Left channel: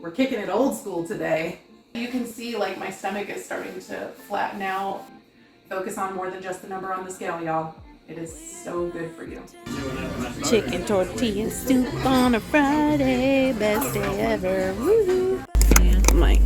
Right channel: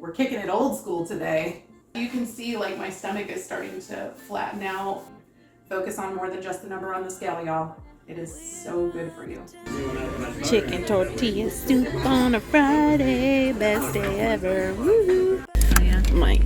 We're kicking it old school today. You can see like my stomach is starting to flatten out. Focus on more than just the number on the scale, y'all. It is so good for you. Chicken tortilla soup on a Friday, best day ever. Woo! My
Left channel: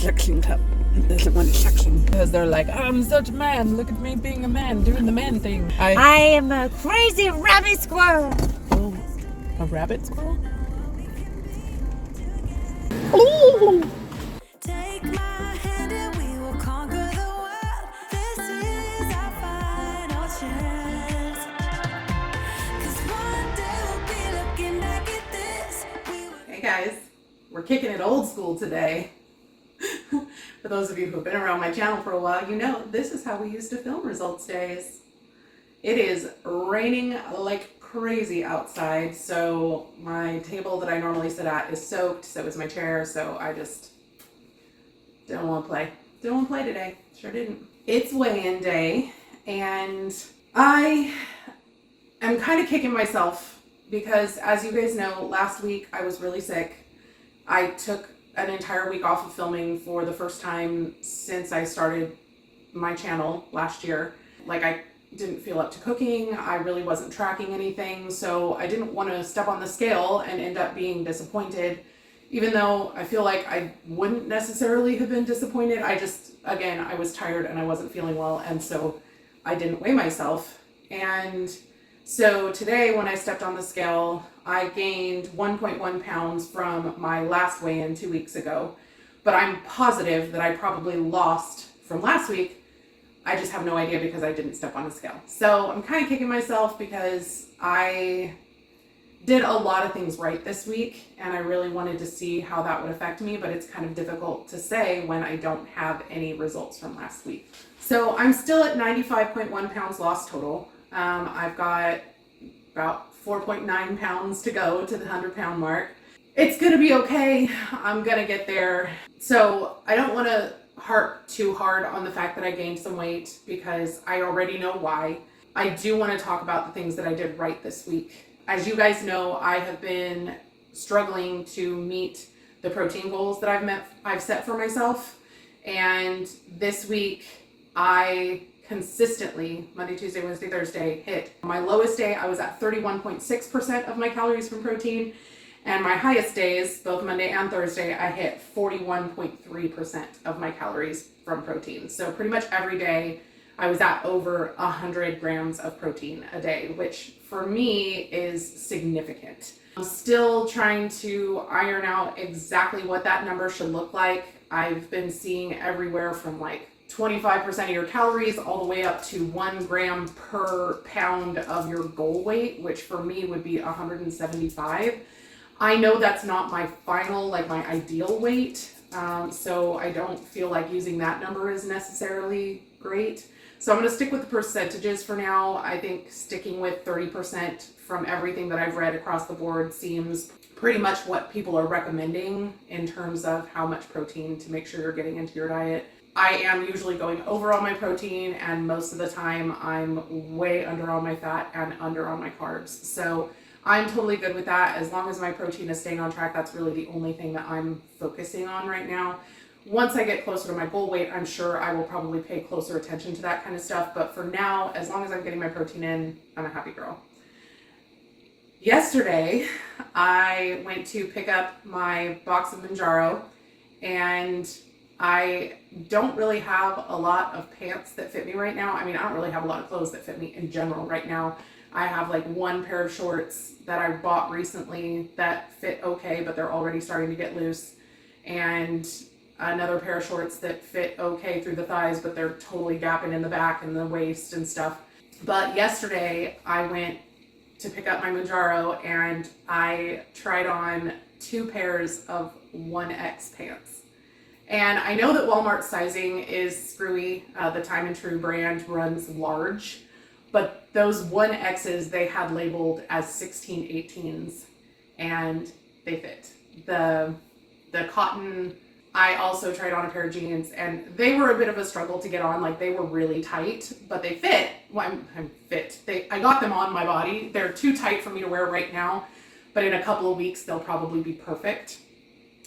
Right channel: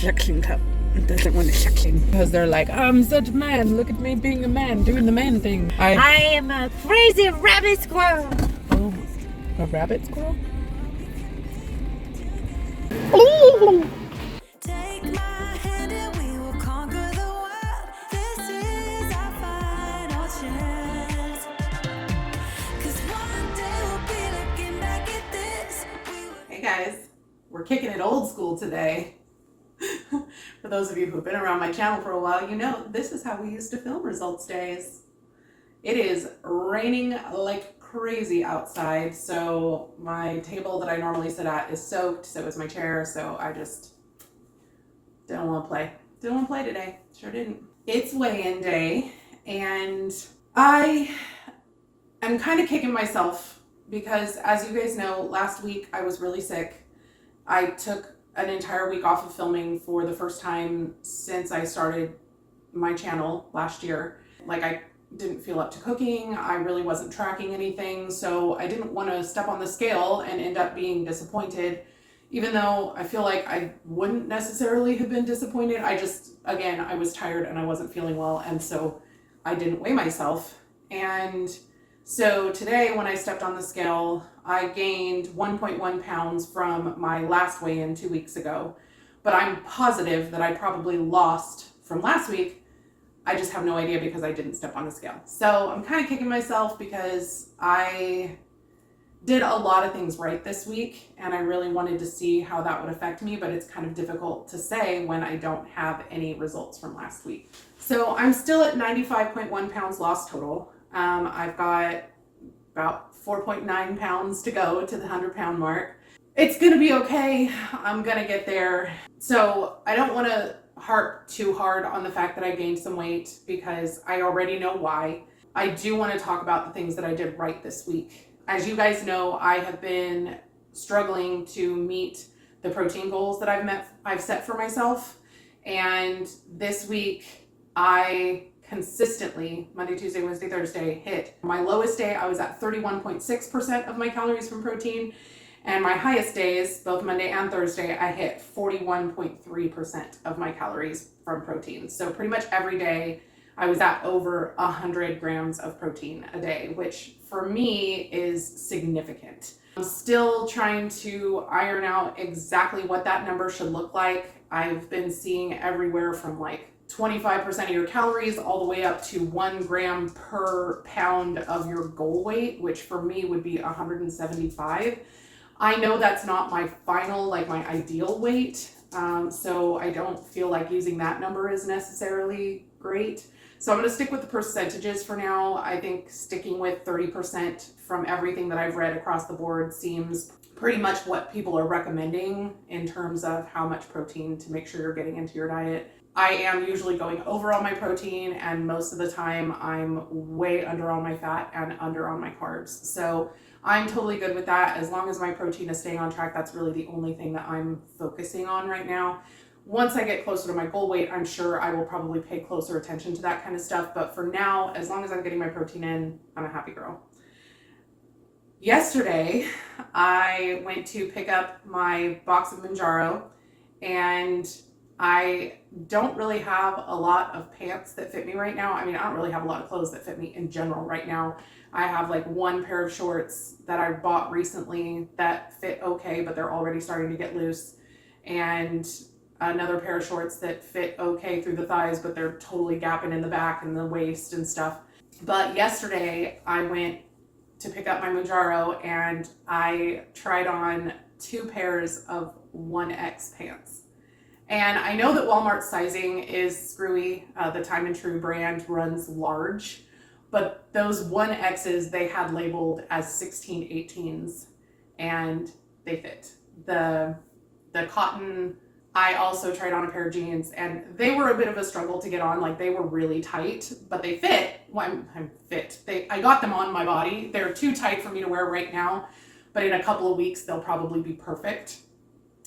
suction cup doesn't want to suction because they're like, I'm such a man. Look at me being a man, doing the man thing. I am a crazy rabbit squirrel. Oh, a rabbit squirrel? Ooh. Take my hand and we will conquer the world. This is our final chance. 'Cause one day we'll be looking back at this. Hey guys, we're kicking it old school today. For those of you who've been around my channel for a while, you know this is how we used to film results days. It is raining like crazy outside, so my table that I normally sit at is soaked, so is my chair, so I just don't want to play. Don't want to play today. Sure didn't. It's weigh-in day, and I am kind of kicking myself because, as you guys know, last week I was really sick. I took an entire week off of filming for the first time since I started my channel last year. Like, I didn't feel up to cooking. I really wasn't tracking anything, so I didn't want to step on the scale and end up being disappointed, even though I feel like I wouldn't necessarily have been disappointed. I just, again, I was tired and I wasn't feeling well, and so I didn't weigh myself. And so today when I stepped on the scale, I gained 1.1 pounds from my last weigh-in 2 weeks ago, but I'm positive that I probably lost from last week. I just have no idea because I didn't step on a scale. So I'm kind of kicking myself because I did a lot of things right this week and I really wanted to see how that would affect me, but it's kind of difficult to say when I don't have any results from last week. So I'm still at 95.1 pounds lost total. I've got about 4.9 pounds to go to the 100-pound mark. It's gonna be okay. I'm gonna get there. So I don't want to harp too hard on the fact that I gained some weight because I already know why. I do want to talk about the things that I did right this week. As you guys know, I have been struggling to meet the protein goals that I've set for myself. And this week I consistently, Monday, Tuesday, Wednesday, Thursday, hit my lowest day. I was at 31.6% of my calories from protein. And my highest days, both Monday and Thursday, I hit 41.3% of my calories from protein. So pretty much every day I was at over 100 grams of protein a day, which for me is significant. I'm still trying to iron out exactly what that number should look like. I've been seeing everywhere from like 25% of your calories all the way up to 1 gram per pound of your goal weight, which for me would be 175. I know that's not my final, like my ideal weight, so I don't feel like using that number is necessarily great. So I'm going to stick with the percentages for now. I think sticking with 30% from everything that I've read across the board seems pretty much what people are recommending in terms of how much protein to make sure you're getting into your diet. I am usually going over on my protein, and most of the time I'm way under on my fat and under on my carbs. So I'm totally good with that. As long as my protein is staying on track, that's really the only thing that I'm focusing on right now. Once I get closer to my goal weight, I'm sure I will probably pay closer attention to that kind of stuff. But for now, as long as I'm getting my protein in, I'm a happy girl. Yesterday, I went to pick up my box of Mounjaro, and I don't really have a lot of pants that fit me right now. I mean, I don't really have a lot of clothes that fit me in general right now. I have like one pair of shorts that I bought recently that fit okay, but they're already starting to get loose. And another pair of shorts that fit okay through the thighs, but they're totally gapping in the back and the waist and stuff. But yesterday I went to pick up my Mounjaro and I tried on 2 pairs of 1X pants. And I know that Walmart's sizing is screwy. The Time and True brand runs large. But those 1Xs they had labeled as 16/18s, and they fit. The cotton, I also tried on a pair of jeans, and they were a bit of a struggle to get on. Like, they were really tight, but they fit. Well, I'm fit. I got them on my body. They're too tight for me to wear right now, but in a couple of weeks they'll probably be perfect.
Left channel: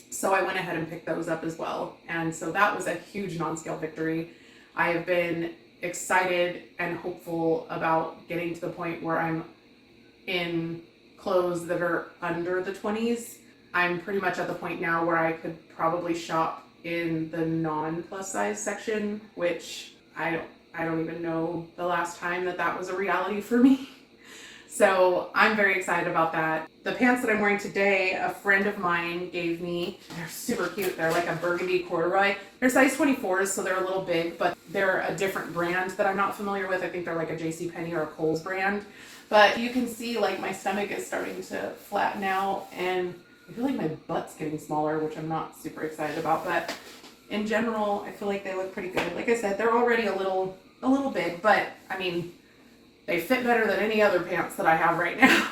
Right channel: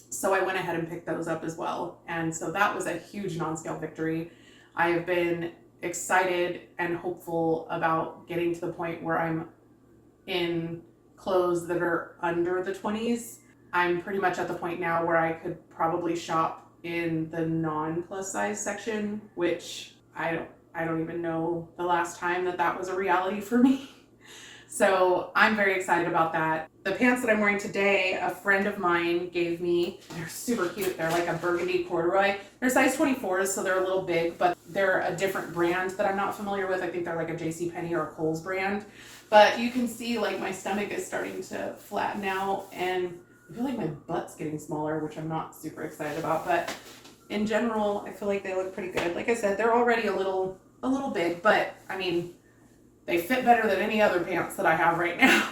So I went ahead and picked those up as well. And so that was a huge non-scale victory. I have been excited and hopeful about getting to the point where I'm in clothes that are under the 20s. I'm pretty much at the point now where I could probably shop in the non-plus size section, which I don't even know the last time that was a reality for me. So I'm very excited about that. The pants that I'm wearing today, a friend of mine gave me. They're super cute. They're like a burgundy corduroy. They're size 24s, so they're a little big, but they're a different brand that I'm not familiar with. I think they're like a JCPenney or a Kohl's brand. But you can see like my stomach is starting to flatten out, and I feel like my butt's getting smaller, which I'm not super excited about. But in general, I feel like they look pretty good. Like I said, they're already a little big, but I mean, they fit better than any other pants that I have right now.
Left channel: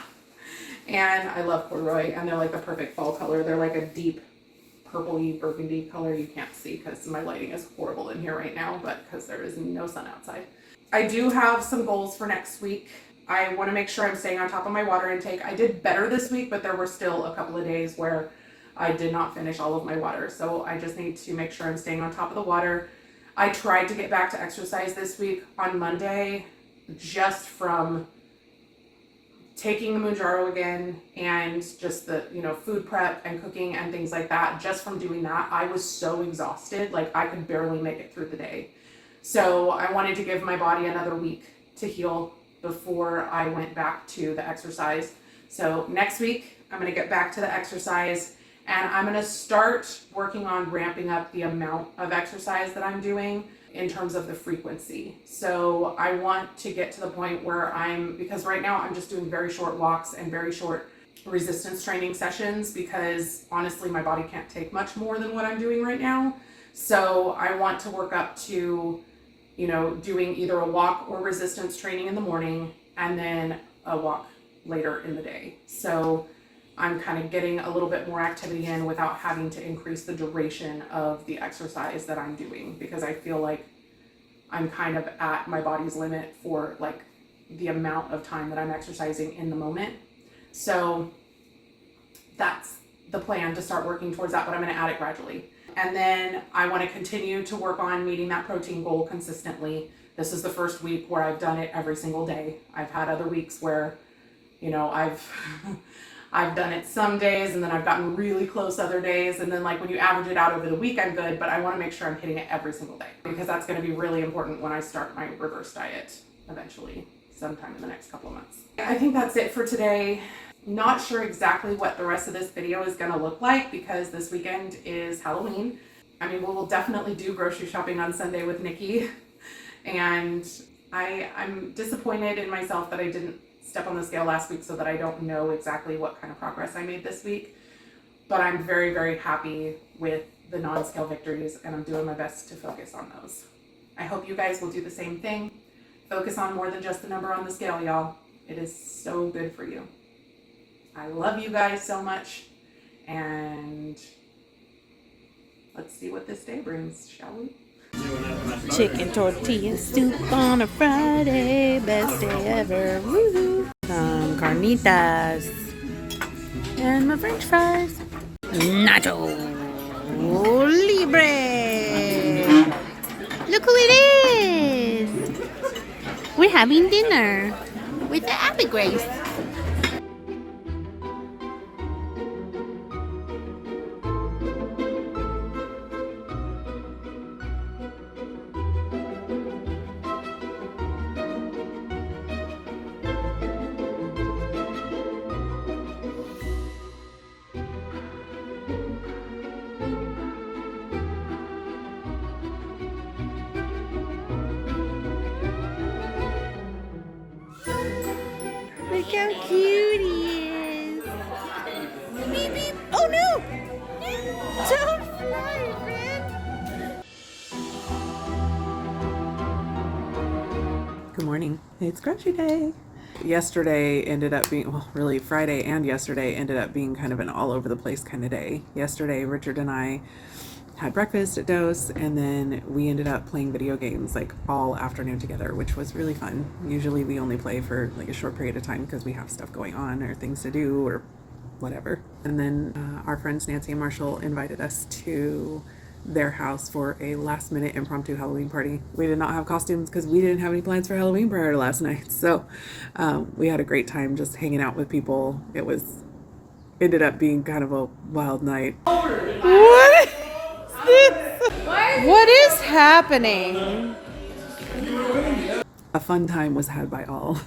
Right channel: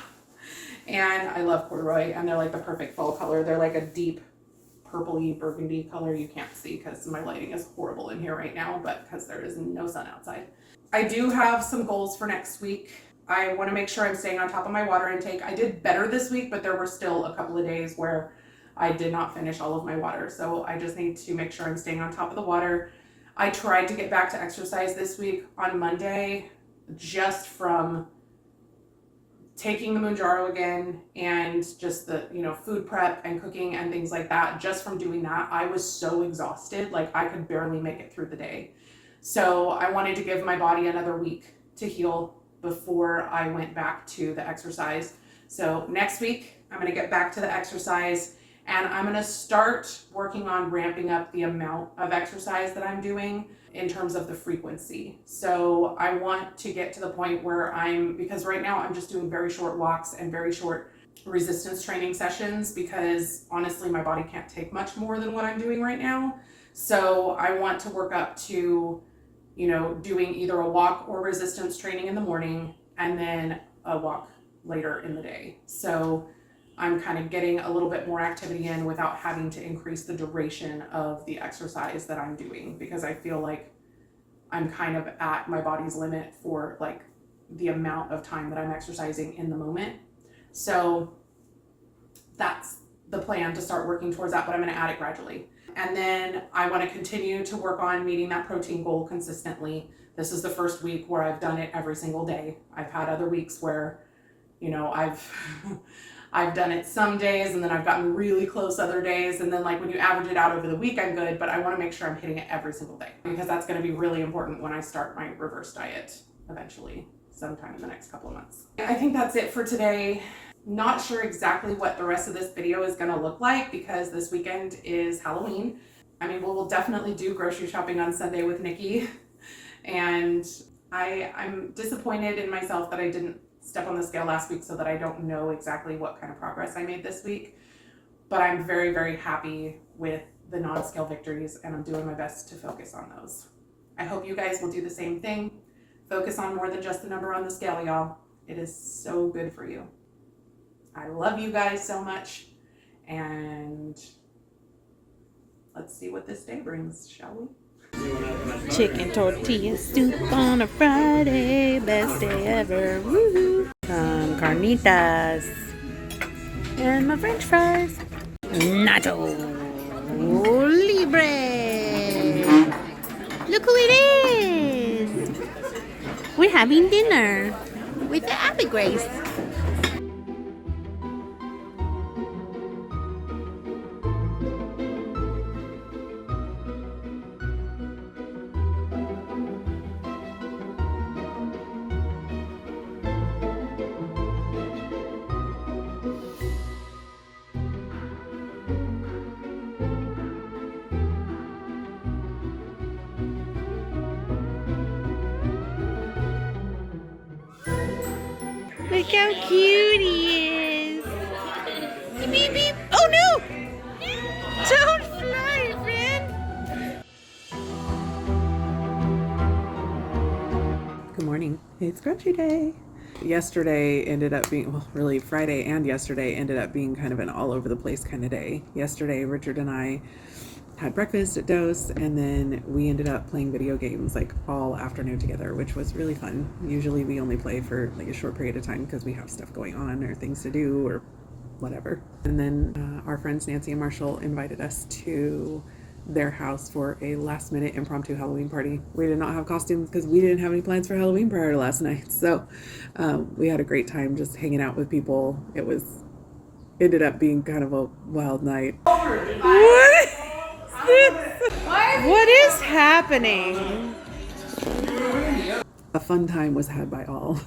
And I love corduroy, and they're like the perfect fall color. They're like a deep purpley burgundy color. You can't see because my lighting is horrible in here right now, but because there is no sun outside. I do have some goals for next week. I want to make sure I'm staying on top of my water intake. I did better this week, but there were still a couple of days where I did not finish all of my water. So I just need to make sure I'm staying on top of the water. I tried to get back to exercise this week on Monday, just from taking the Mounjaro again and just the, food prep and cooking and things like that. Just from doing that, I was so exhausted, like I could barely make it through the day. So I wanted to give my body another week to heal before I went back to the exercise. So next week, I'm gonna get back to the exercise, and I'm gonna start working on ramping up the amount of exercise that I'm doing in terms of the frequency. So I want to get to the point where because right now I'm just doing very short walks and very short resistance training sessions, because honestly my body can't take much more than what I'm doing right now. So I want to work up to, doing either a walk or resistance training in the morning and then a walk later in the day. So I'm kind of getting a little bit more activity in without having to increase the duration of the exercise that I'm doing, because I feel like I'm kind of at my body's limit for like the amount of time that I'm exercising in the moment. So that's the plan, to start working towards that, but I'm going to add it gradually. And then I want to continue to work on meeting that protein goal consistently. This is the first week where I've done it every single day. I've had other weeks where, I've done it some days, and then I've gotten really close other days, and then like when you average it out over the week, I'm good, but I want to make sure I'm hitting it every single day, because that's going to be really important when I start my reverse diet eventually, sometime in the next couple of months. I think that's it for today. Not sure exactly what the rest of this video is going to look like, because this weekend is Halloween. I mean, we'll definitely do grocery shopping on Sunday with Nikki, and I'm disappointed in myself that I didn't step on the scale last week, so that I don't know exactly what kind of progress I made this week. But I'm very, very happy with the non-scale victories, and I'm doing my best to focus on those. I hope you guys will do the same thing. Focus on more than just the number on the scale, y'all. It is so good for you. I love you guys so much, and let's see what this day brings, shall we? Chicken tortilla soup on a Friday, best day ever. Woohoo! Some carnitas and my French fries. Nacho Libre. Look who it is! We're having dinner with the Abby Grace. Look how cute he is. Beep, beep, beep. Oh no! Don't fly, friend. Good morning. It's Crunchy Day. Yesterday ended up being, well, really Friday and yesterday ended up being kind of an all over the place kind of day. Yesterday, Richard and I had breakfast at Dose, and then we ended up playing video games like all afternoon together, which was really fun. Usually we only play for like a short period of time because we have stuff going on or things to do or whatever. And then our friends Nancy and Marshall invited us to their house for a last minute impromptu Halloween party. We did not have costumes because we didn't have any plans for Halloween prior to last night. So we had a great time just hanging out with people. Ended up being kind of a wild night. What? What is happening? A fun time was had by all.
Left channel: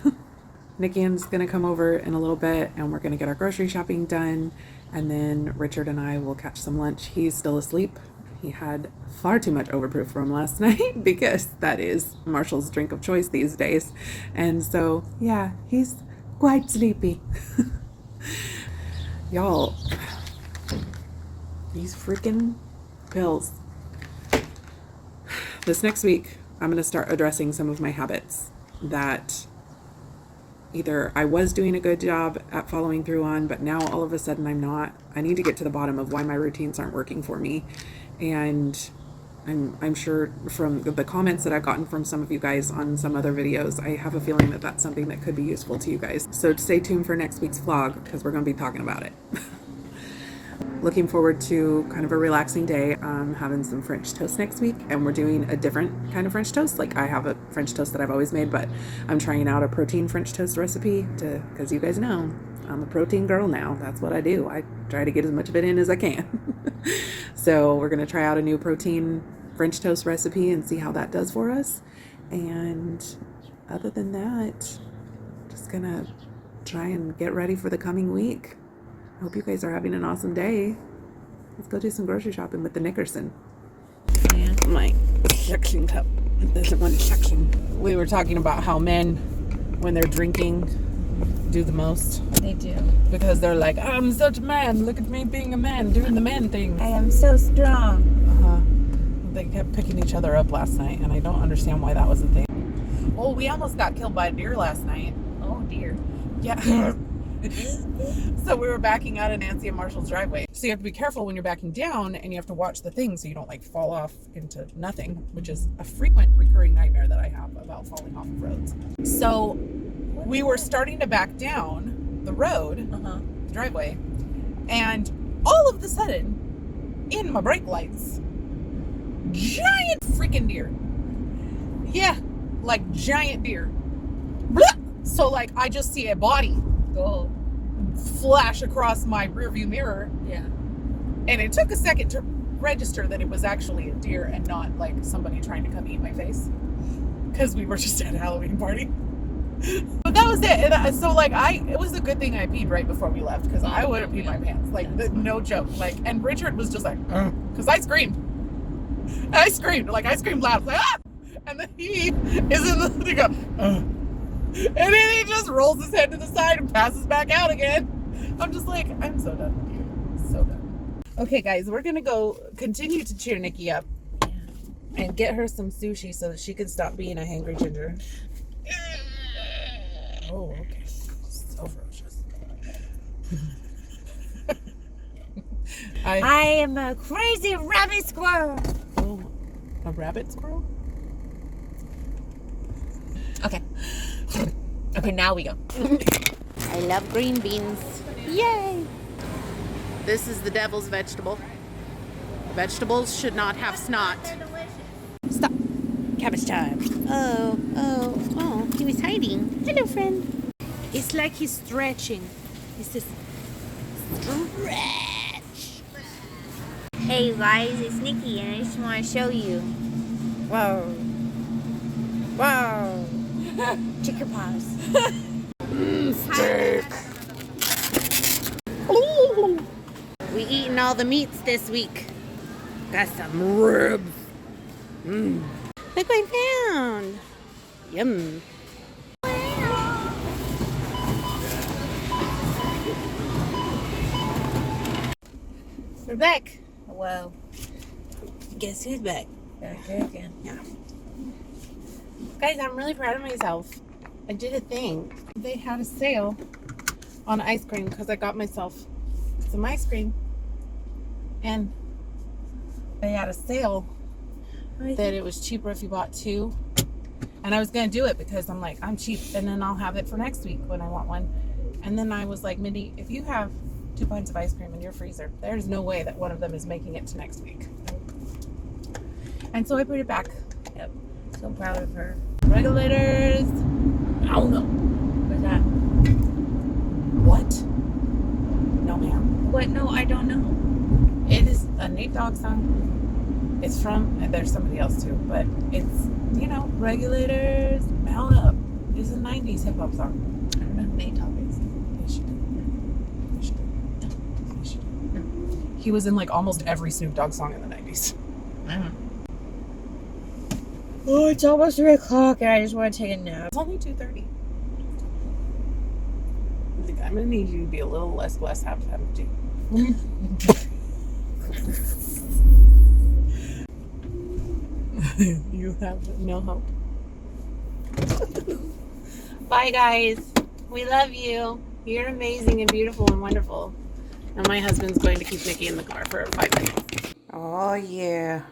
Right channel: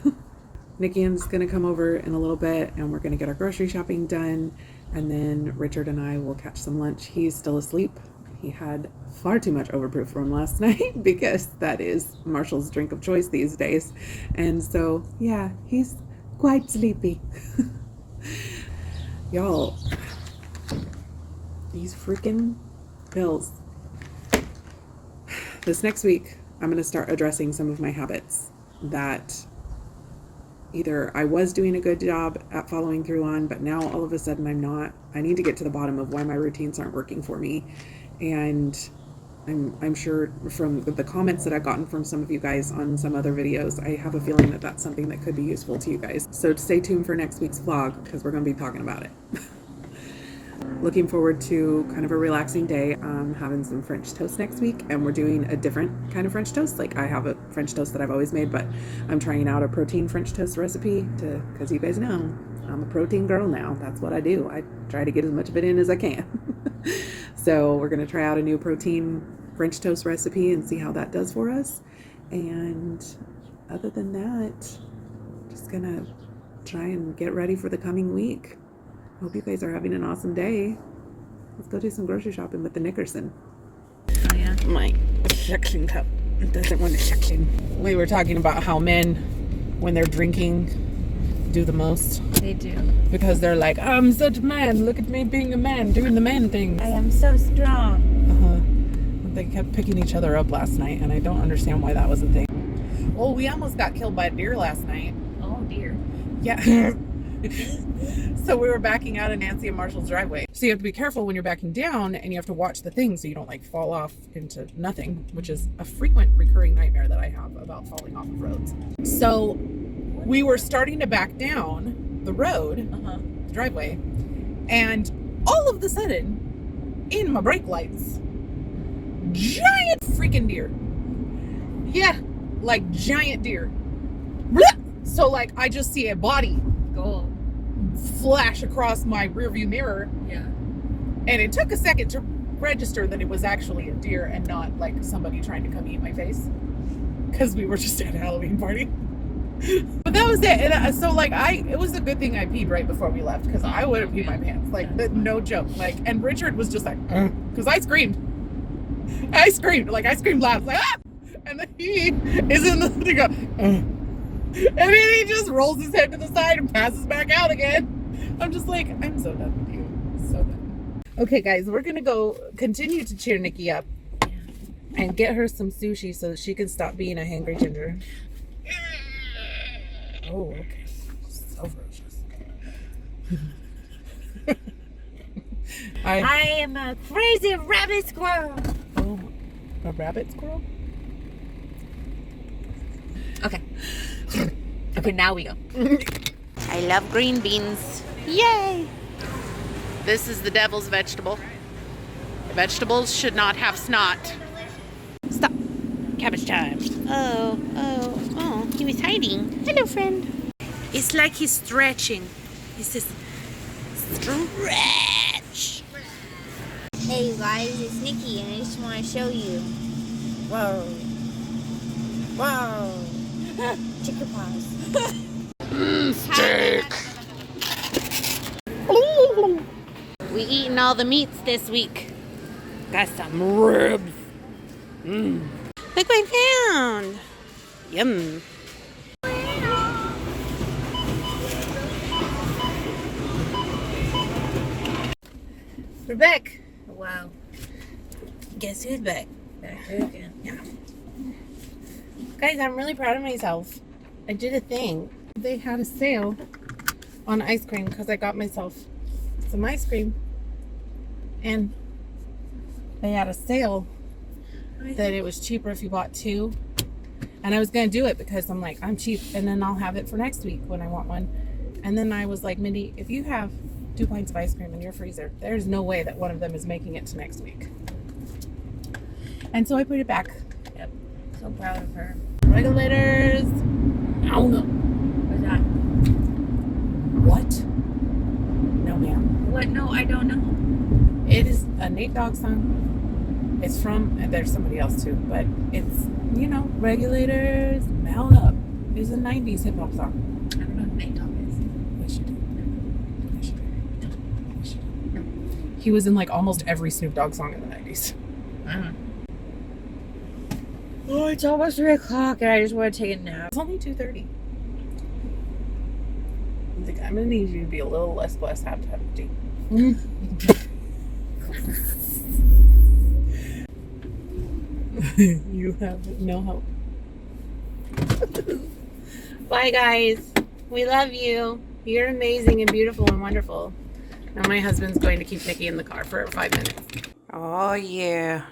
Nikki's gonna come over in a little bit and we're gonna get our grocery shopping done, and then Richard and I will catch some lunch. He's still asleep. He had far too much overproof from last night because that is Marshall's drink of choice these days. And so, yeah, he's quite sleepy. Y'all, these freaking pills. This next week, I'm going to start addressing some of my habits that either I was doing a good job at following through on, but now all of a sudden I'm not. I need to get to the bottom of why my routines aren't working for me. And I'm sure from the comments that I've gotten from some of you guys on some other videos, I have a feeling that that's something that could be useful to you guys. So stay tuned for next week's vlog because we're going to be talking about it. Looking forward to kind of a relaxing day. Having some French toast next week, and we're doing a different kind of French toast. Like I have a French toast that I've always made, but I'm trying out a protein French toast recipe because you guys know I'm a protein girl now. That's what I do. I try to get as much of it in as I can. So we're going to try out a new protein French toast recipe and see how that does for us. And other than that, just going to try and get ready for the coming week. Hope you guys are having an awesome day. Let's go do some grocery shopping with the Nickerson. Yeah, my suction cup doesn't want to suction. We were talking about how men, when they're drinking, do the most. They do. Because they're like, I'm such a man. Look at me being a man, doing the man thing. I am so strong. They kept picking each other up last night, and I don't understand why that was a thing. Well, we almost got killed by a deer last night. Oh dear. Yeah. So we were backing out of Nancy and Marshall's driveway. So you have to be careful when you're backing down, and you have to watch the thing so you don't like fall off into nothing, which is a frequent recurring nightmare that I have about falling off of roads. So we were starting to back down the road, the driveway, and all of a sudden, in my brake lights, giant freaking deer. Yeah, like giant deer. Blah! So like I just see a body go flash across my rearview mirror. Yeah. And it took a second to register that it was actually a deer and not like somebody trying to come eat my face, because we were just at a Halloween party. But that was it. And so like it was a good thing I peed right before we left, because I would have peed my pants. Like no joke. Like, and Richard was just like, because I screamed like I screamed loud, like ah! And then he is in the thing up, and then he just rolls his head to the side and passes back out again. I'm just like, I'm so done with you. So done. Okay, guys, we're gonna go continue to cheer Nikki up and get her some sushi so that she can stop being a hangry ginger. Oh, okay. So ferocious. I am a crazy rabbit squirrel. Oh, a rabbit squirrel? Okay. Okay, now we go. I love green beans. Yay! This is the devil's vegetable. Vegetables should not have snot. Stop. Cabbage time. Oh, he was hiding. Hello, friend. It's like he's stretching. He says, stretch. Hey guys, it's Nikki and I just want to show you. Whoa. Whoa. Check your paws. Steak. We eating all the meats this week. Got some ribs. Look what I found. Yum. We're back. Wow. Guess who's back? Back here again. Yeah. Guys, I'm really proud of myself. I did a thing. They had a sale on ice cream because I got myself some ice cream. And they had a sale that it was cheaper if you bought two. And I was going to do it because I'm like, I'm cheap and then I'll have it for next week when I want one. And then I was like, Mindy, if you have 2 pints of ice cream in your freezer. There's no way that one of them is making it to next week. And so I put it back. Yep. So proud of her. Regulators. Oh no. What's that? What? No, ma'am. What? No, I don't know. It is a Nate Dogg song. It's from, and there's somebody else too, but it's, you know, regulators, mount up. It's a 90s hip hop song. I don't know who Nate Dogg is. Yes, you do. Yes, you do. Yes, you do. He was in like almost every Snoop Dogg song in the 90s. Oh, it's almost 3 o'clock and I just want to take a nap. It's only 2:30. I think I'm gonna need you to be a little less blessed half empty. You have no hope. Bye, guys. We love you. You're amazing and beautiful and wonderful. Now my husband's going to keep Nikki in the car for 5 minutes. Oh yeah,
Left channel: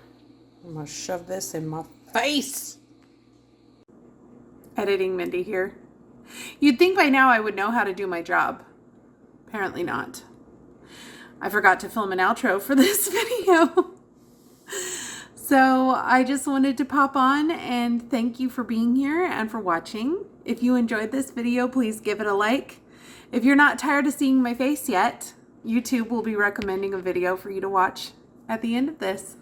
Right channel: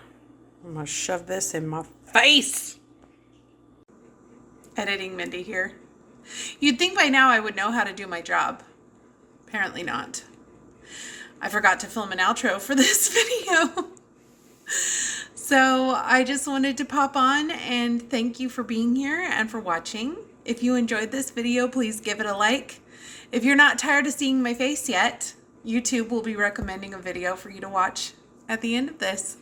I'm gonna shove this in my face. Editing Mindy here. You'd think by now I would know how to do my job. Apparently not. I forgot to film an outro for this video. So I just wanted to pop on and thank you for being here and for watching. If you enjoyed this video, please give it a like. If you're not tired of seeing my face yet, YouTube will be recommending a video for you to watch at the end of this.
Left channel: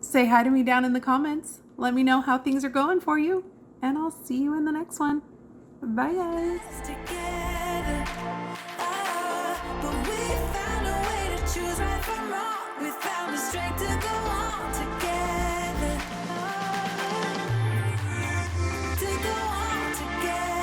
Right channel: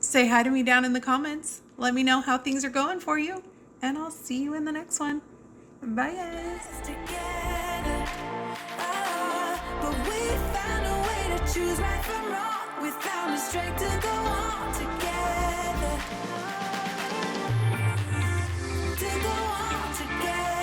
Say hi to me down in the comments. Let me know how things are going for you. And I'll see you in the next one. Bye, guys. Together, but we found a way to choose right from wrong. We found the strength to go on together, to go on together.